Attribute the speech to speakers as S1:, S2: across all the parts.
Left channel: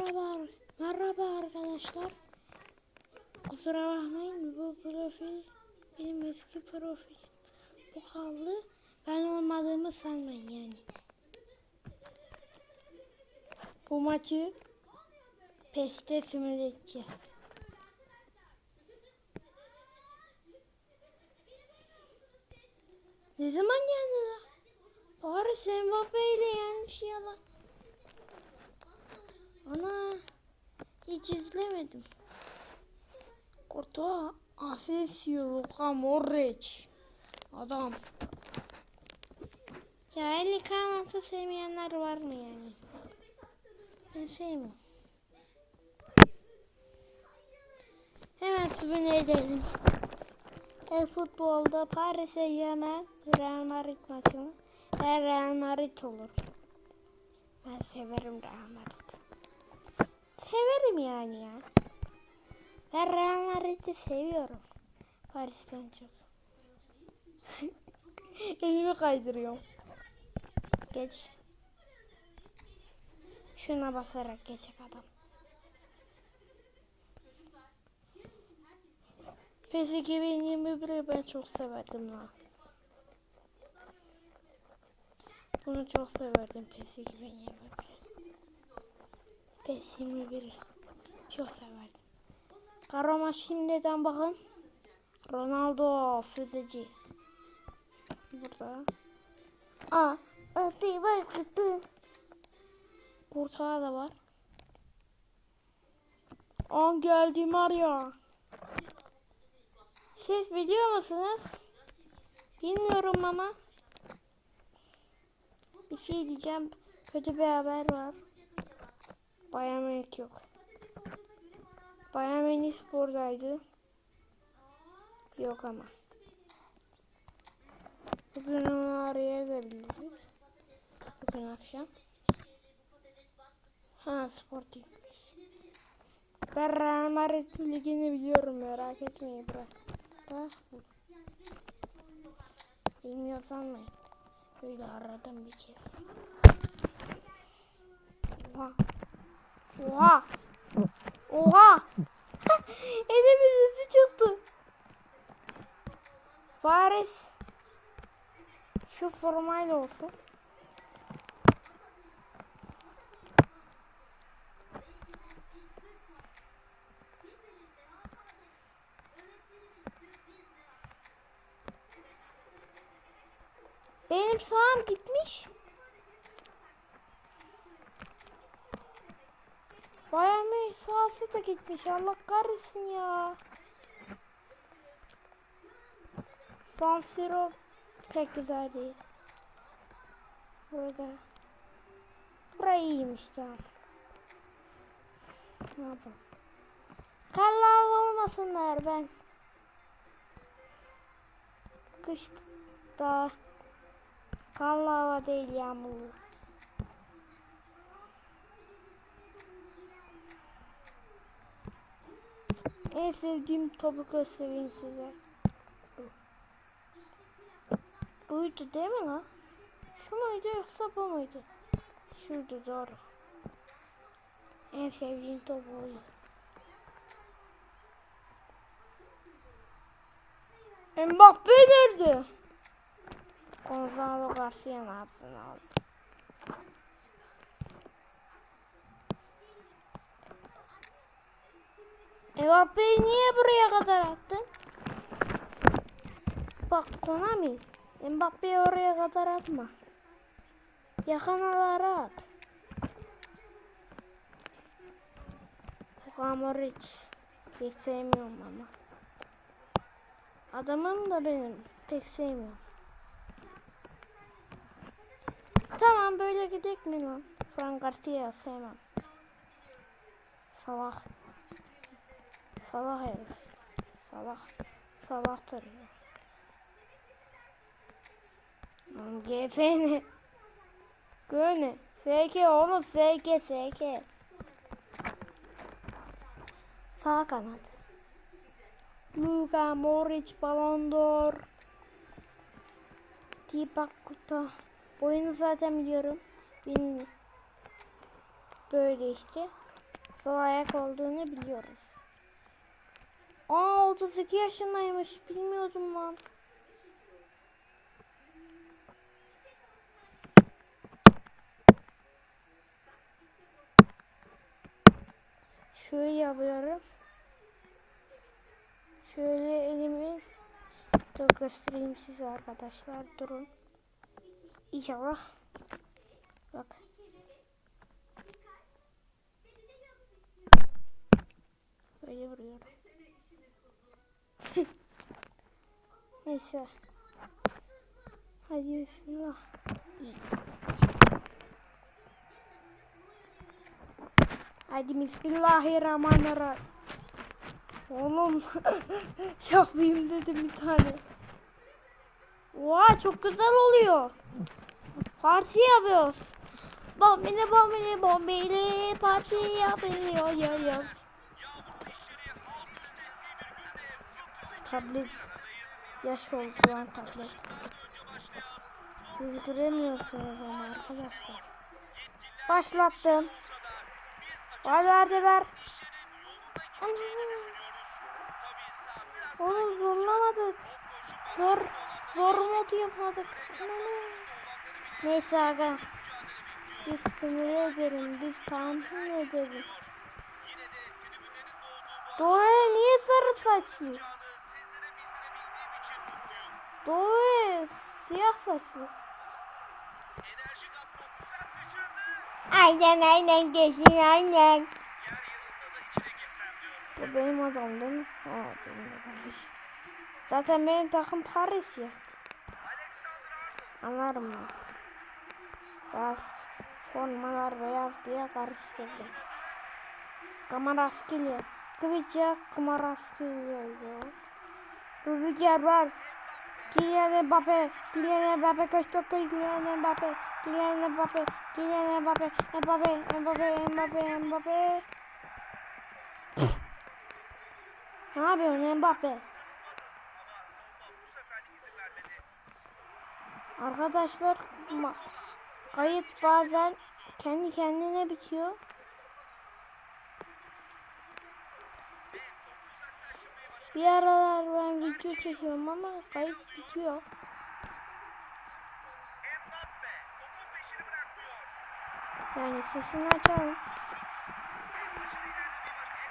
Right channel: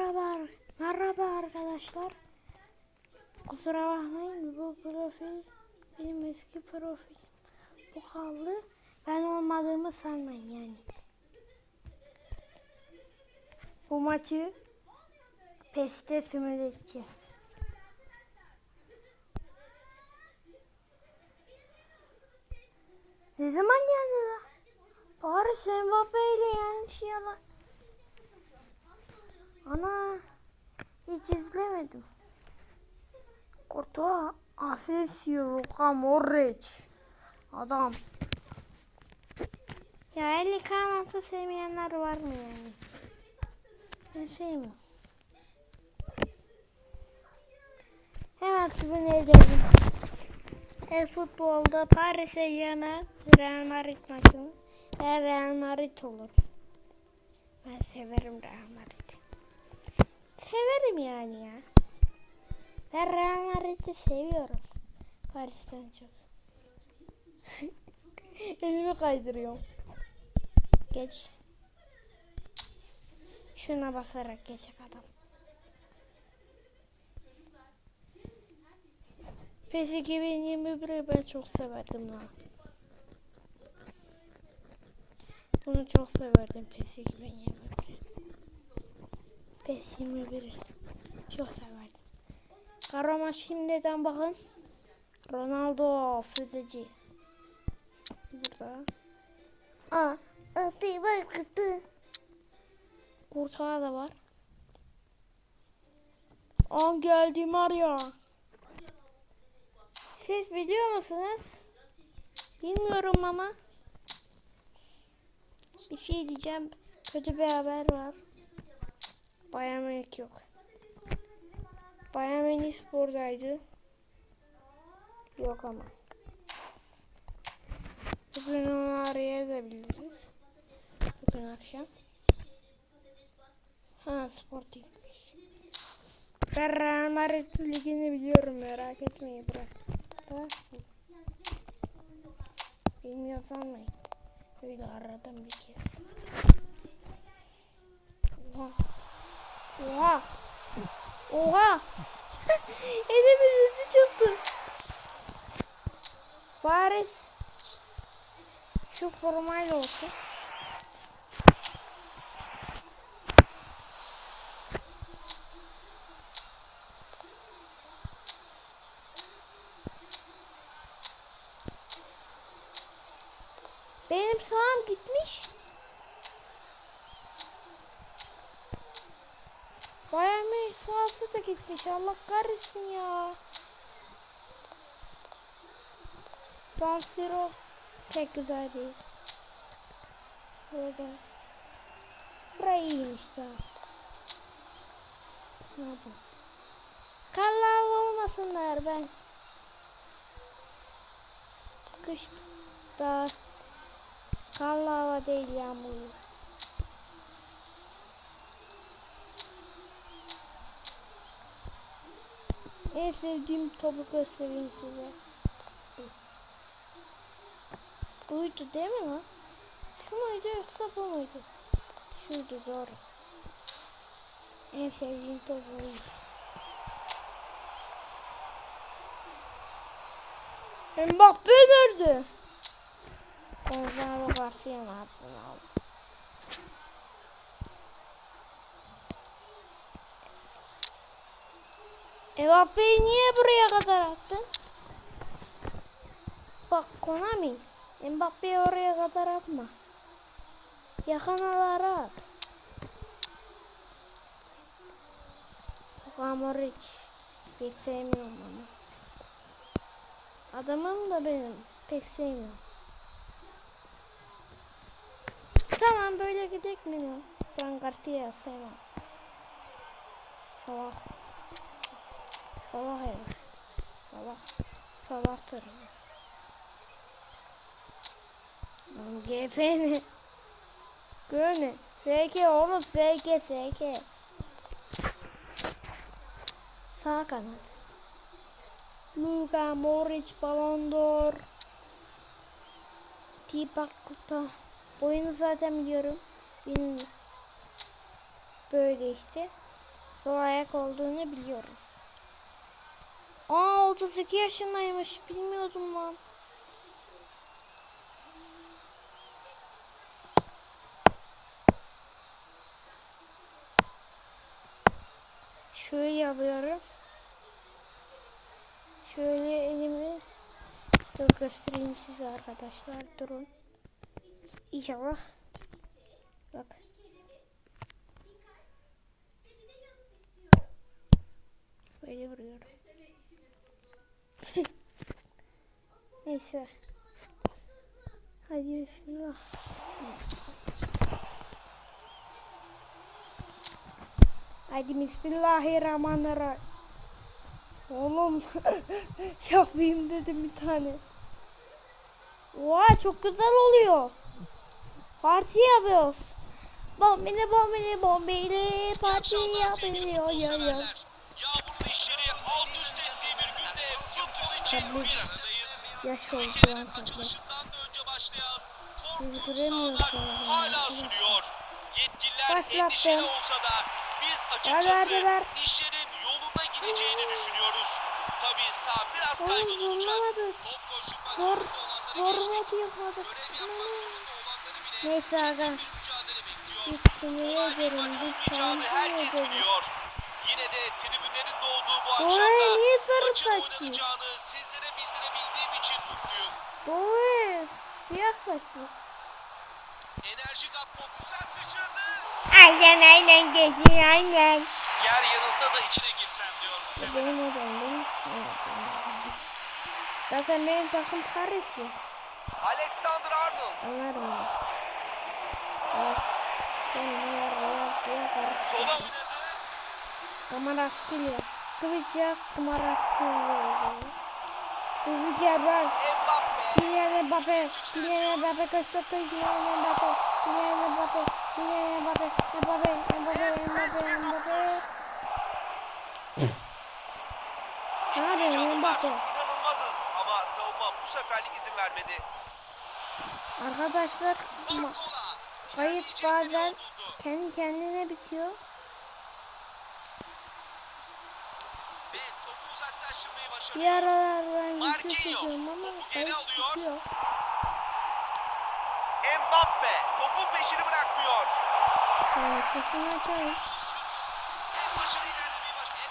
S1: Merhaba, merhaba arkadaşlar. Kusura bakmayın bu profil benim eski profilim. Bu kaldı. Ben olmadığımı sanmayın yani. Bu maçı PES'te simüle edeceğiz. Ne zaman geldi la? Paris Mbappe ile yenmiş ya. Ana hiç izlemedim. Kurtuğa Asensio, Luka Modric. Adam. Ya eli kanatı sevmeyenler var mı yani? Ben sevmiyorum. Hemen sübüne gelin. El futbolda Paris'e yana Real Madrid maçını. Ben Real Madrid olur. Ben severim Real Madrid'i. Severim yani ya. Ben Real Madrid'i seviyorum. Paris'ten çok. Elimi kaydırıyorum. Geç. Şuna basarak geçecek adam. PES 2021'i ben çok severdim lan. Bunu çok severdim PES 2021'i. PES 21'i çok severdim. Karama şimdiden bakın. Ronaldo füzeci. Burada. Aa, atı bakıtı. Kurtağı da var. An geldi Mario. Siz biliyor musunuz? Bilmiyorum ama. Bir şey diyeceğim. Kötü bir haber var. Bayern Münih yok. Bayern Münih buradaydı. Yok ama. Bugün onu arayabiliriz. Bugün akşam. Ha Sporting'miş. Ben Real ligini biliyorum merak etmeyin bırak. Bilmiyor sanmayın. Böyle aradım bir kez. Oha. Oha. Oha. Elimin sesi çıktı. Paris. Şu formayla olsun. Benim sağım gitmiş. Bayağı mı sağsı da gitmiş. Allah kahretsin ya. San Siro pek güzel değil. Burada. Burayı iyiymiş tamam. Ne yapalım? Karlar olmasınlar ben. Kışta karlı hava değil yağmurlu. En sevdiğim topu göstereyim size. Bu. Buydu değil mi lan? Şu muydu yoksa bu muydu? Şuydu doğru. En sevdiğim top buydu. Mbappe nerede? Gonzalo Garcia ne yapsın? Mbappe'yi niye buraya kadar attın? Bak Konami. Mbappe'yi oraya kadar atma. Yakınlara at. Kamaric. Pek sevmiyorum ama. Adamım da benim. Pek sevmiyorum. Tamam böyle gidecek mi lan? Frank Garcia sevmem. Salak. Salak herif. Salak. Salaktır. GF ne? Göne. SK oğlum SK SK. Sağ kanat. Luka Modric Ballon d'Or. Tipak Kuta. Boyunu zaten biliyorum. Bilmiyorum. Böyle işte. sol ayak olduğunu biliyoruz. Aa 32 yaşındaymış. Bilmiyordum lan. Şöyle yapıyorum. Şöyle elimi dur göstereyim size arkadaşlar. Durun. İnşallah. Bak. Böyle vuruyorum. Neyse. Hadi bismillah. Hadi bismillahirrahmanirrahim. Oğlum yapayım dedim bir tane. Oha çok güzel oluyor. Parti yapıyoruz. Bombili bombili bombili parti yapılıyor yor yor.
S2: Yağmurun işleri alt üst ettiği bir günde futbol için.
S1: Yaş oldu lan tablet.
S2: Başından önce başlayan
S1: Siz göremiyorsunuz onu
S2: hala sürüyor.
S1: Başlattım.
S2: endişeli olsa da biz
S1: Ver,
S2: açıkçası
S1: ver,
S2: işlerin yolunda gideceğini düşünüyoruz. Tabii sağ biraz
S1: Oğlum zorlamadık. Zor, zor
S2: geçtik.
S1: mod yapmadık. Neyse aga. Biz sinir ederim. Biz ederiz.
S2: biliyor. Yine de tribünlerin de olduğu bu akşamda
S1: niye sarı saçlı?
S2: oynanacağını sizlere bildirebildiğim için mutluyum.
S1: Doğru siyah saçlı.
S2: Enerjik atma güzel sıçradı.
S1: Aynen aynen geçin aynen.
S2: Yer yarılsa da içine girsen diyor.
S1: Bu benim odam değil mi? Evet. Zaten benim takım Paris ya.
S2: Alexander Arnold.
S1: Anlarım ben. Biraz sonralar beyaz diye
S2: Sola
S1: karıştırdım.
S2: oynadı.
S1: Kamaraskilya. Kıvıca Kamaraskilya. Kıvıca var.
S2: Mbappe.
S1: Kylian Mbappe. Kylian Mbappe koştu. Kylian Mbappe. Kylian Mbappe. Kylian Mbappe. Mbappe. Mbappe. Mbappe. Mbappe. Ne yapıyorsun Mbappe?
S2: İnanılmazız ama savunma bu seferlik izin vermedi.
S1: Arkadaşlar kayıp bazen kendi kendine bitiyor.
S2: Ve topu uzaklaştırmayı başardı.
S1: Bir aralar ben video çekiyorum ama kayıp bitiyor.
S2: Mbappe topun peşini bırakmıyor.
S1: Yani sesini açalım.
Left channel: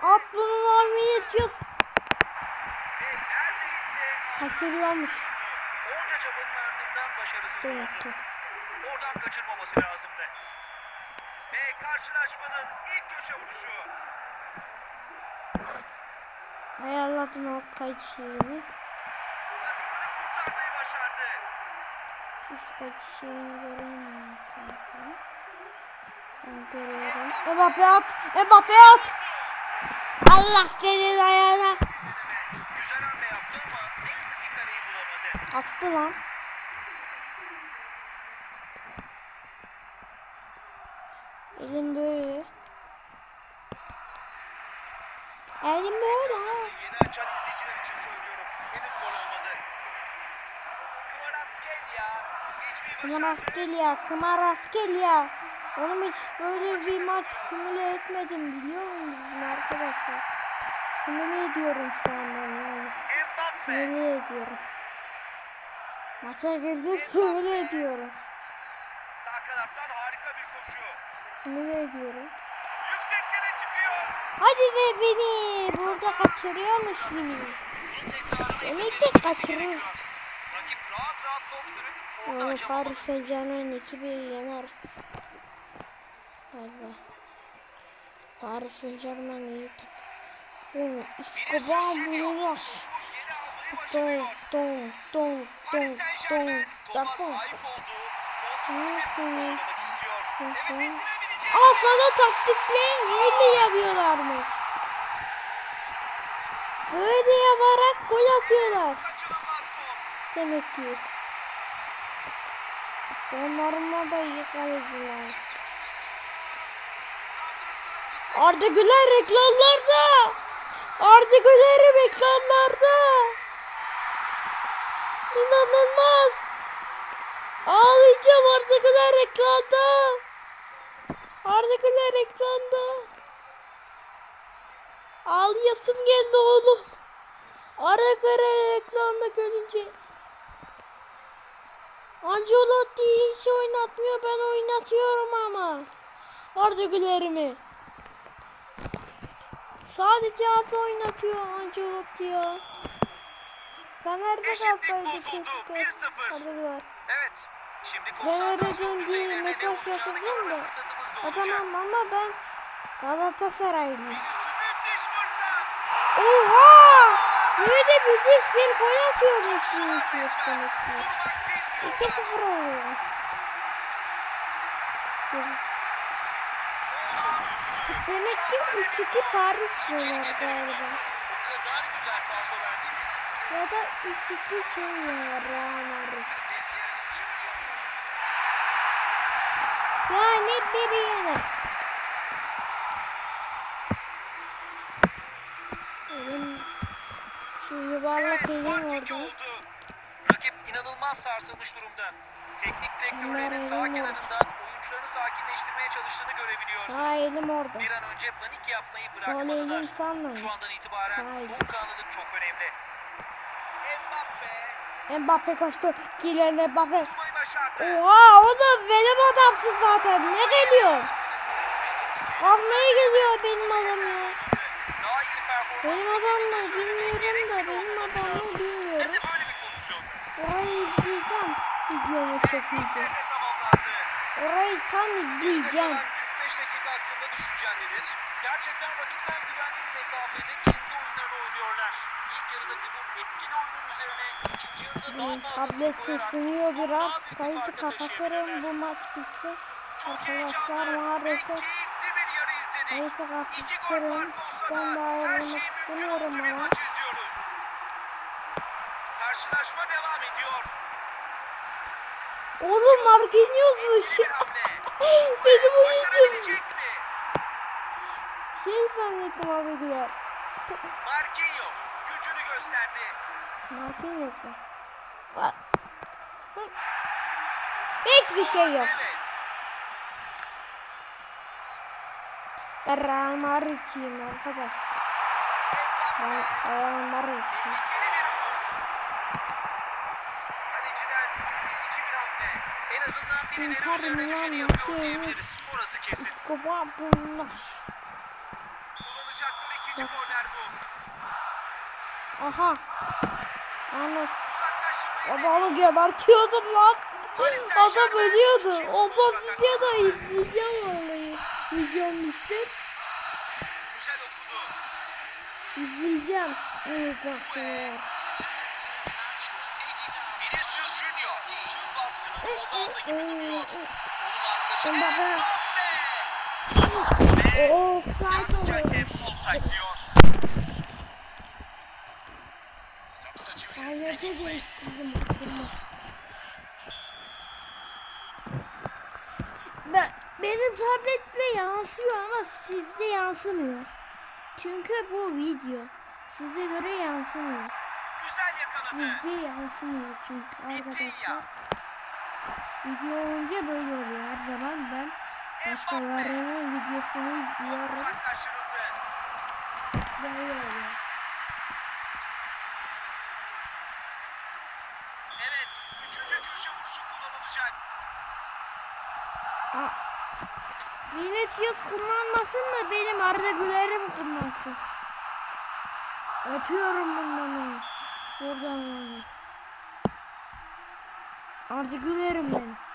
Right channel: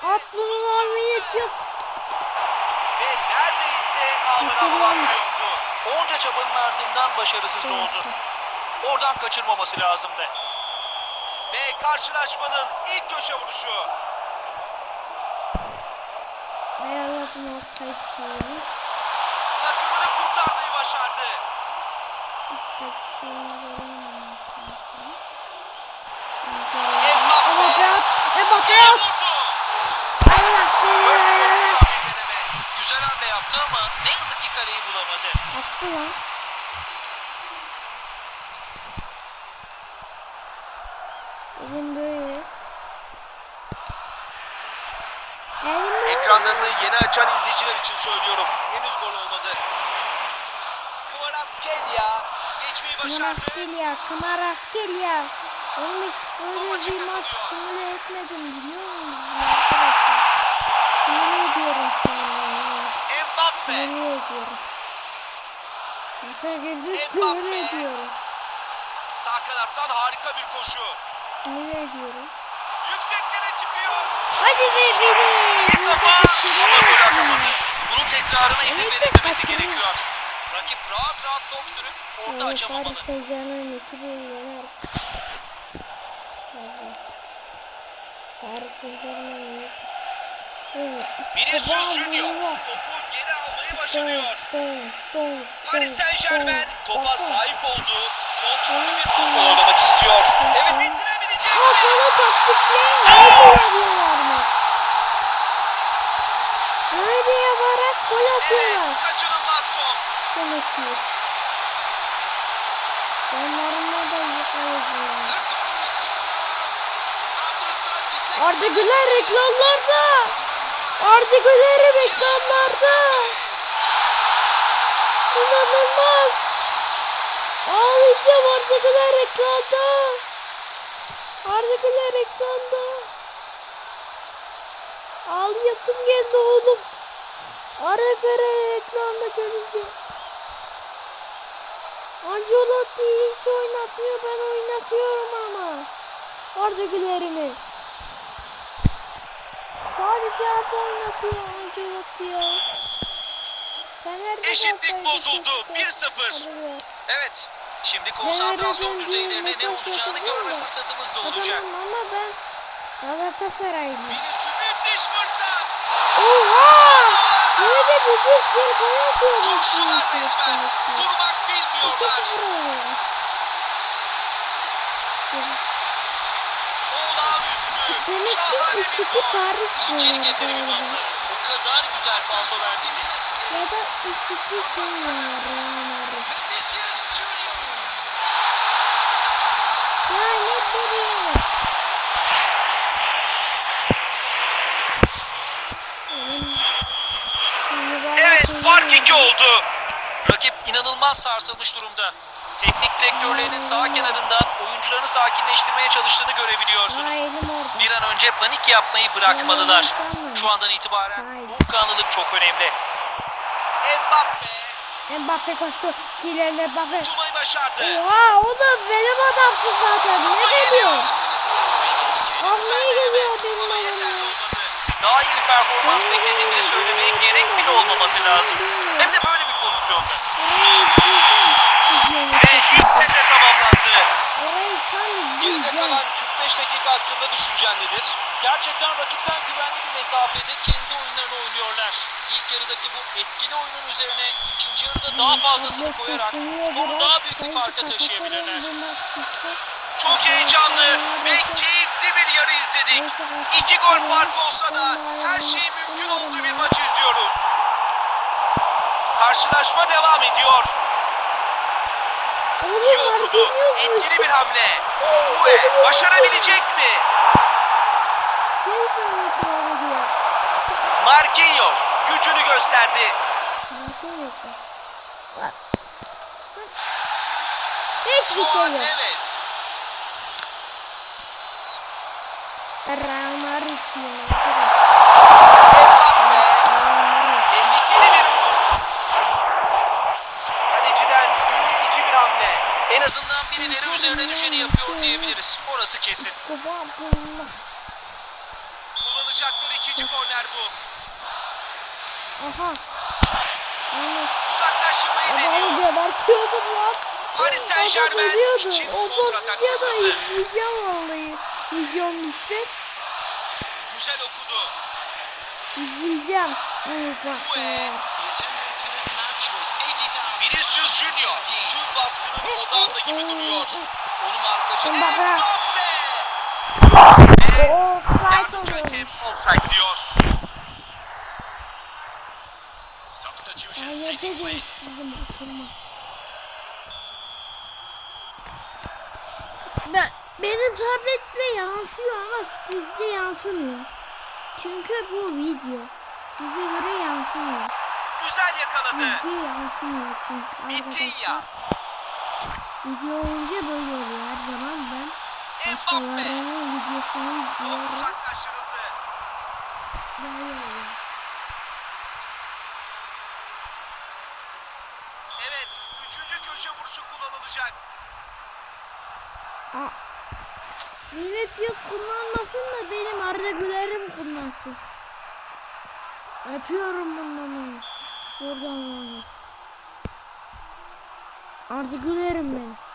S1: At bunu lan Vinicius.
S2: Ve neredeyse ağlamıyordu. Onca çabanın ardından başarısız oldu. Oradan kaçırmaması lazımdı. Ve karşılaşmanın ilk köşe vuruşu.
S1: Ayarladım o kayıt şeyini.
S2: Takımını kurtarmayı başardı.
S1: Siz şeyini göremiyorsunuz. Mbappe at. Mbappe at. Allah senin ayağına.
S2: Güzel hamle yaptı ama ne yazık ki kaleyi bulamadı.
S1: Astı lan. Elim böyle. Elim
S2: Ekranlarını yeni açan izleyiciler için söylüyorum. Henüz gol olmadı. Kvaratskhelia geçmeyi başardı.
S1: Kmaraskelya, Kmaraskelya. Oğlum hiç böyle bir maç simüle etmedim biliyor musunuz arkadaşlar? Simüle ediyorum şu anda. Simüle ediyorum. Maça girdim simüle ediyorum.
S2: Sağ kanattan harika bir koşu.
S1: Simüle ediyorum. Hadi be beni.
S2: Bir
S1: Burada
S2: kafa
S1: kaçırıyor
S2: ama gol
S1: musun?
S2: atamadı. Bunun tekrarına izin
S1: Evet, kaçırıyor.
S2: gerekiyor. Rakip rahat rahat top sürüp orta
S1: Yani
S2: açamamalı.
S1: Paris Saint Germain 2-1 yener. Evet. Paris Saint Germain yener. Evet,
S2: Vinicius Junior topu geri almayı
S1: Don,
S2: başarıyor.
S1: don, don,
S2: Paris Saint Germain topa sahip olduğu kontrollü bir futbol oynamak istiyor. Evet bitirebilecek.
S1: Aa sana taktikleyin böyle yapıyorlar mı? Böyle yaparak gol atıyorlar. Demek ki. Onlarınla da iyi kaleciler. Arda Güler reklamlarda. Arda Güler reklamlarda. İnanılmaz. Ağlayacağım Arda Güler reklamda. Arda Güler reklamda. oynayasım geldi oğlum. Ara kara ekranda görünce. Ancelotti hiç oynatmıyor ben oynatıyorum ama. Arda Güler'imi. Sadece az oynatıyor Ancelotti ya. Fener'de
S2: Eşitlik
S1: kalsaydı
S2: bozuldu.
S1: keşke.
S2: 1-0.
S1: Arda Güler.
S2: Evet. Şimdi konsantrasyon
S1: döndüğü
S2: düzeylerinde ne olacağını görme fırsatımız da olacak.
S1: tamam ama ben Galatasaraylıyım. Oha! Yine de müthiş bir gol atıyormuş
S2: resmen.
S1: demek ki.
S2: Durmak bilmiyorlar.
S1: 2-0 oluyor. Demek ki
S2: Şahane
S1: 3-2
S2: bir gol.
S1: Paris
S2: keselim
S1: galiba.
S2: O kadar güzel falso verdi.
S1: Ya da 3-2 şey var Real Madrid. Benim şu mübarek
S2: Evet fark 2
S1: vardı.
S2: oldu. Rakip inanılmaz sarsılmış durumda. Teknik direktörlerinin sağ kenarından oyuncularını sakinleştirmeye çalıştığını görebiliyorsunuz.
S1: Sağ elim orada.
S2: Bir an önce panik yapmayı bırakmalılar. Şu andan itibaren soğukkanlılık çok önemli. Mbappe
S1: Mbappe koştu. Kylian Mbappe.
S2: Başardı.
S1: Oha o da benim adamsın zaten. Ne geliyor? Almaya geliyor benim adam ya.
S2: Daha iyi bir performans beklediğimizi söylemeye gerek bile olmaması lazım. Hem de böyle bir pozisyonda.
S1: Orayı. Videoyu
S2: Ve ilk devre tamamlandı.
S1: Orayı tam
S2: kalan 45 dakika hakkında düşüncen nedir? Gerçekten rakipten güvenli bir mesafede kendi oyunlarını oynuyorlar. İlk yarıdaki bu etkili oyunun üzerine ikinci yarıda daha fazlasını koyarak skoru daha büyük bir farka taşıyabilirler. Çok heyecanlı ve keyifli bir yarı izledik. İki gol fark olsa da her şey mümkün olduğu bir maç izliyoruz. Karşılaşma devam ediyor.
S1: Oğlum. Marquinhos
S2: Etkili bir hamle. Ve başarabilecek mi?
S1: Şey sanıyordum abi diyor.
S2: Marquinhos gücünü gösterdi.
S1: Marquinhos mu? Hiçbir şey yok.
S2: Neves.
S1: Real Madrid.
S2: Tehlikeli bir vuruş. Kaleciden büyüleyici bir hamle. En azından birileri üzerine düşeni yapıyor diyebiliriz. Orası kesin.
S1: Kuba bunlar.
S2: Kullanacakları ikinci korner bu.
S1: Aha. Anladım.
S2: Uzaklaştırmayı
S1: Adamı
S2: deniyor.
S1: gebertiyordum lan.
S2: Paris Saint
S1: Adam ölüyordu.
S2: için
S1: O
S2: kontratak
S1: videoda izleyeceğim vallahi. Videom düşse
S2: Güzel okudu.
S1: izleyeceğim. Bakmaya.
S2: Vinicius Junior tüm baskının odağında gibi duruyor. Onun. Ve
S1: Offside
S2: yardımcı hakem
S1: oluyormuş.
S2: offside diyor.
S1: Ayete değiştirdim oturma. Ben, benim tabletle yansıyor ama sizde yansımıyor. Çünkü bu video. Size göre yansımıyor.
S2: Güzel yakaladı.
S1: Sizde yansımıyor çünkü arkadaşlar. Video olunca böyle oluyor her zaman ben. Başkalarının videosunu izliyorum.
S2: uzaklaştırıldı.
S1: Böyle oluyor.
S2: Evet, üçüncü köşe vuruşu kullanılacak.
S1: Aa, Vinicius kullanmasın da benim Arda Güler'im kullansın. Yapıyorum bundan onu. Buradan onu. Arda Güler'im benim.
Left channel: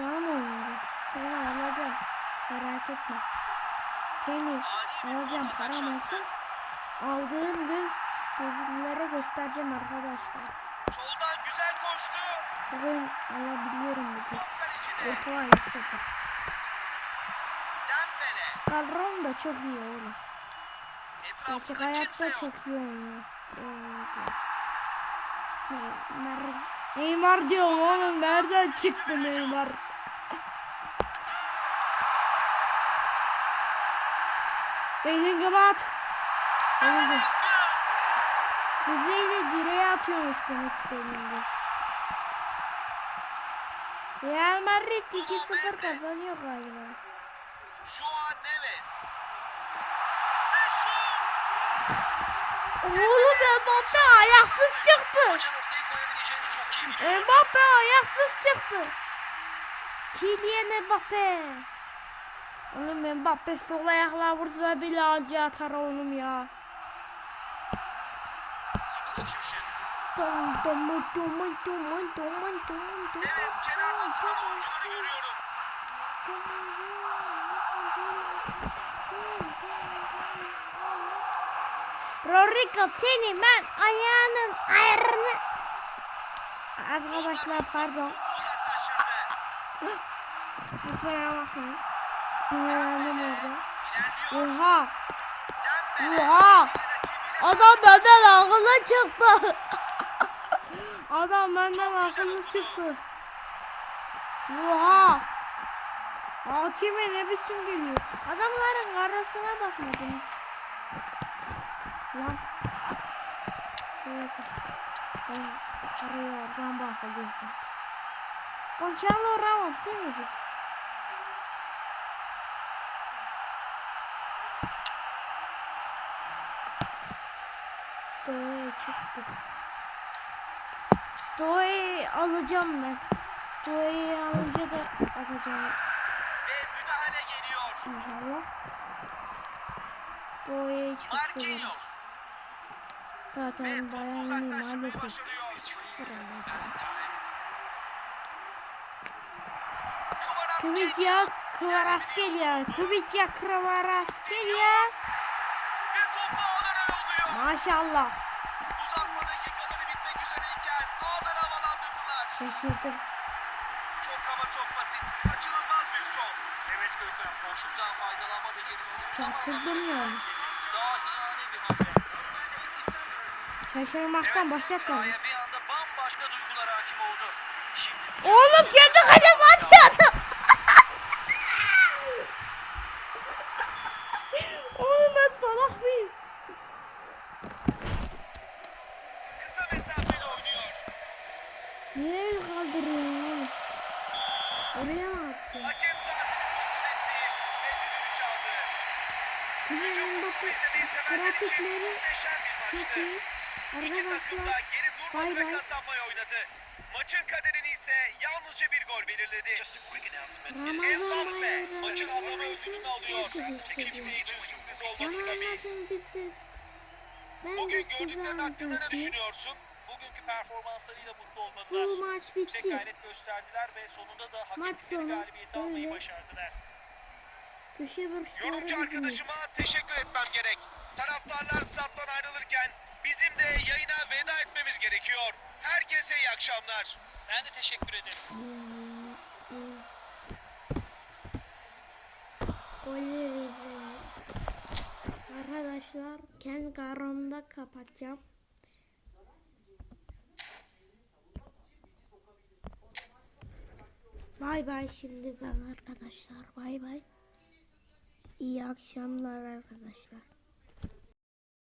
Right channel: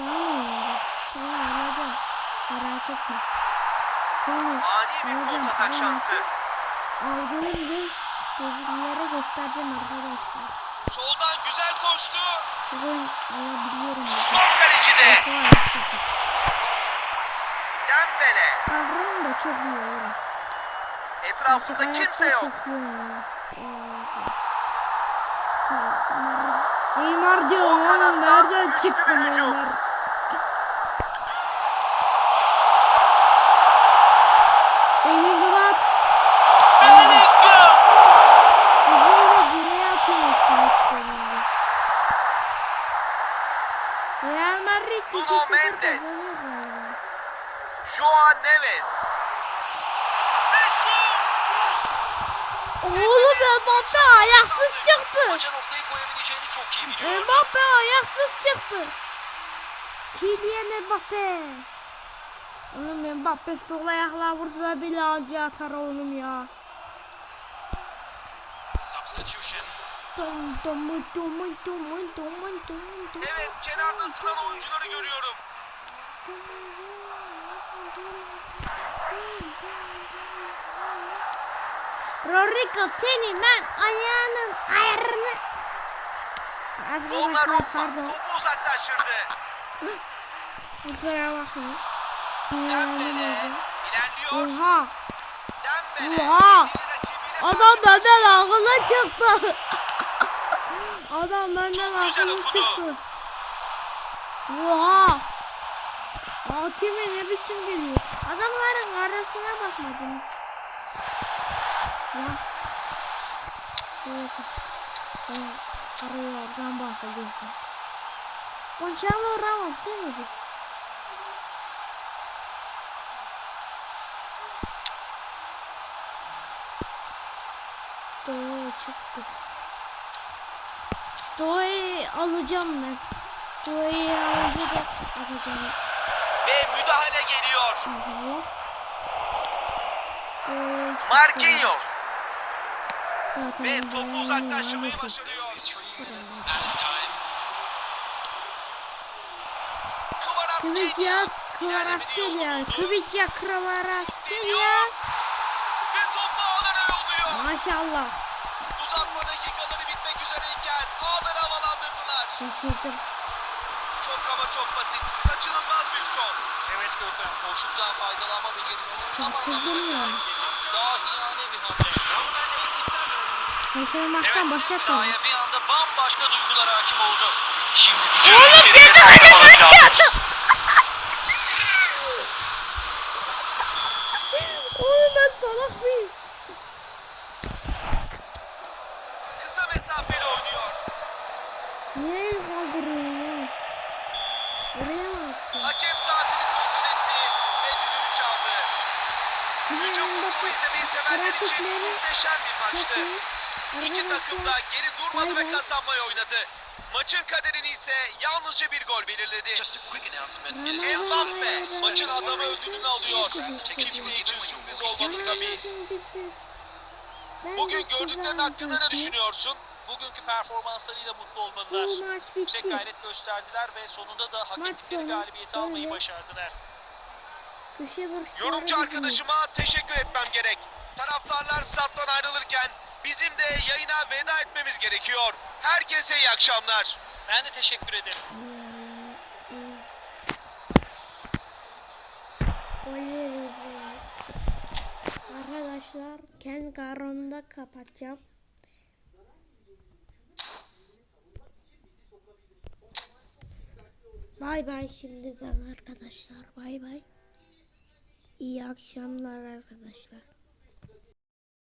S1: Canım oyunda. Seni alacağım. Merak etme. Seni alacağım. Param
S2: şansı.
S1: Aldığım gün sizlere göstereceğim arkadaşlar.
S2: Soldan güzel koştu.
S1: Bugün alabiliyorum.
S2: Top kalecide.
S1: Yapı ayısı.
S2: Dembele.
S1: Kadrom da çok iyi oğlum. Gerçek
S2: Etrafında kimse
S1: hayatta
S2: yok.
S1: çok iyi oynuyor. Neymar. Neymar diyorum oğlum nereden çıktı Neymar? Bellingham. Real Madrid 2-0
S2: Mendes.
S1: kazanıyor galiba.
S2: Joao Neves.
S1: Oğlum Mbappe ayaksız çıktı. Mbappe ayaksız çıktı. Kylian Mbappe. Oğlum Mbappe sol ayakla vursa bile acı atar oğlum ya. Dom dom dom dom dom dom dom
S2: Evet kenarda sıran oyuncuları görüyorum.
S1: Rodrigo seni ben ayağının ayarını Arkadaşlar pardon
S2: uzaklaştırdı.
S1: Kusura bakmayın Sinirlendim orada. Oha. Oha Adam benden akıllı çıktı Adam benden akıllı çıktı. Oha! Hakime ne biçim geliyor? Adamların arasına bakmadım Ya. Evet. Araya oradan bakılıyorsun Gonçalo Ramos değil mi bu? Doğu'ya çıktı. Doğu'yu alacağım ben. Doğu'yu alınca da atacağım.
S2: Ve müdahale geliyor.
S1: Çok severim.
S2: Marquinhos.
S1: Zaten
S2: Ve topu uzaklaştırmayı başarıyor.
S1: fırlayacak.
S2: Kvaratskhelia.
S1: Kıvıcya Kvaratskhelia. Kıvıcya Kvaratskhelia.
S2: Ve topu ağlara yolluyor.
S1: Maşallah.
S2: Uzatma dakikaları bitmek üzereyken.
S1: Şaşırdım.
S2: Çok ama çok basit. Kaçınılmaz bir son. Evet Gökhan. Boşluktan faydalanma becerisini tam
S1: yani.
S2: sergiledi. Dahiyane bir hamle.
S1: Şaşırmaktan
S2: Evet,
S1: başlatmadım.
S2: sahaya bir anda bambaşka duygular hakim oldu. Şimdi bütün
S1: Oğlum kalemi
S2: almak lazım.
S1: atıyordu. Oğlum ben salak mıyım? Oğlum? Oraya mı attın?
S2: Hakem saatini kontrol etti ve düdüğü çaldı. Hücum
S1: Kylian
S2: futbolu izlemeyi sevenler için muhteşem bir maçtı. İki takım da geri durmadı
S1: bay
S2: ve kazanmayı oynadı. Maçın kaderini ise yalnızca bir gol belirledi.
S1: Ramazan
S2: Mbappe maçın adamı ödülünü alıyor.
S1: Bir
S2: Kimse
S1: şey?
S2: için sürpriz olmadı tabii. Bugün gördüklerin hakkında ne düşünüyorsun? Bugünkü performanslarıyla mutlu
S1: Bu
S2: olmalılar.
S1: maç
S2: Yüksek
S1: bitti.
S2: gayret gösterdiler ve sonunda da hak
S1: Maç
S2: ettikleri galibiyeti almayı
S1: böyle.
S2: başardılar.
S1: Köşe
S2: Yorumcu arkadaşıma teşekkür etmem gerek. Taraftarlar stat'tan ayrılırken bizim de yayına veda etmemiz gerekiyor. Herkese iyi akşamlar. Ben de teşekkür ederim.
S1: Golleri. Arkadaşlar kendi karnımda kapatacağım. Bay bay şimdiden arkadaşlar. Bay bay. İyi akşamlar arkadaşlar.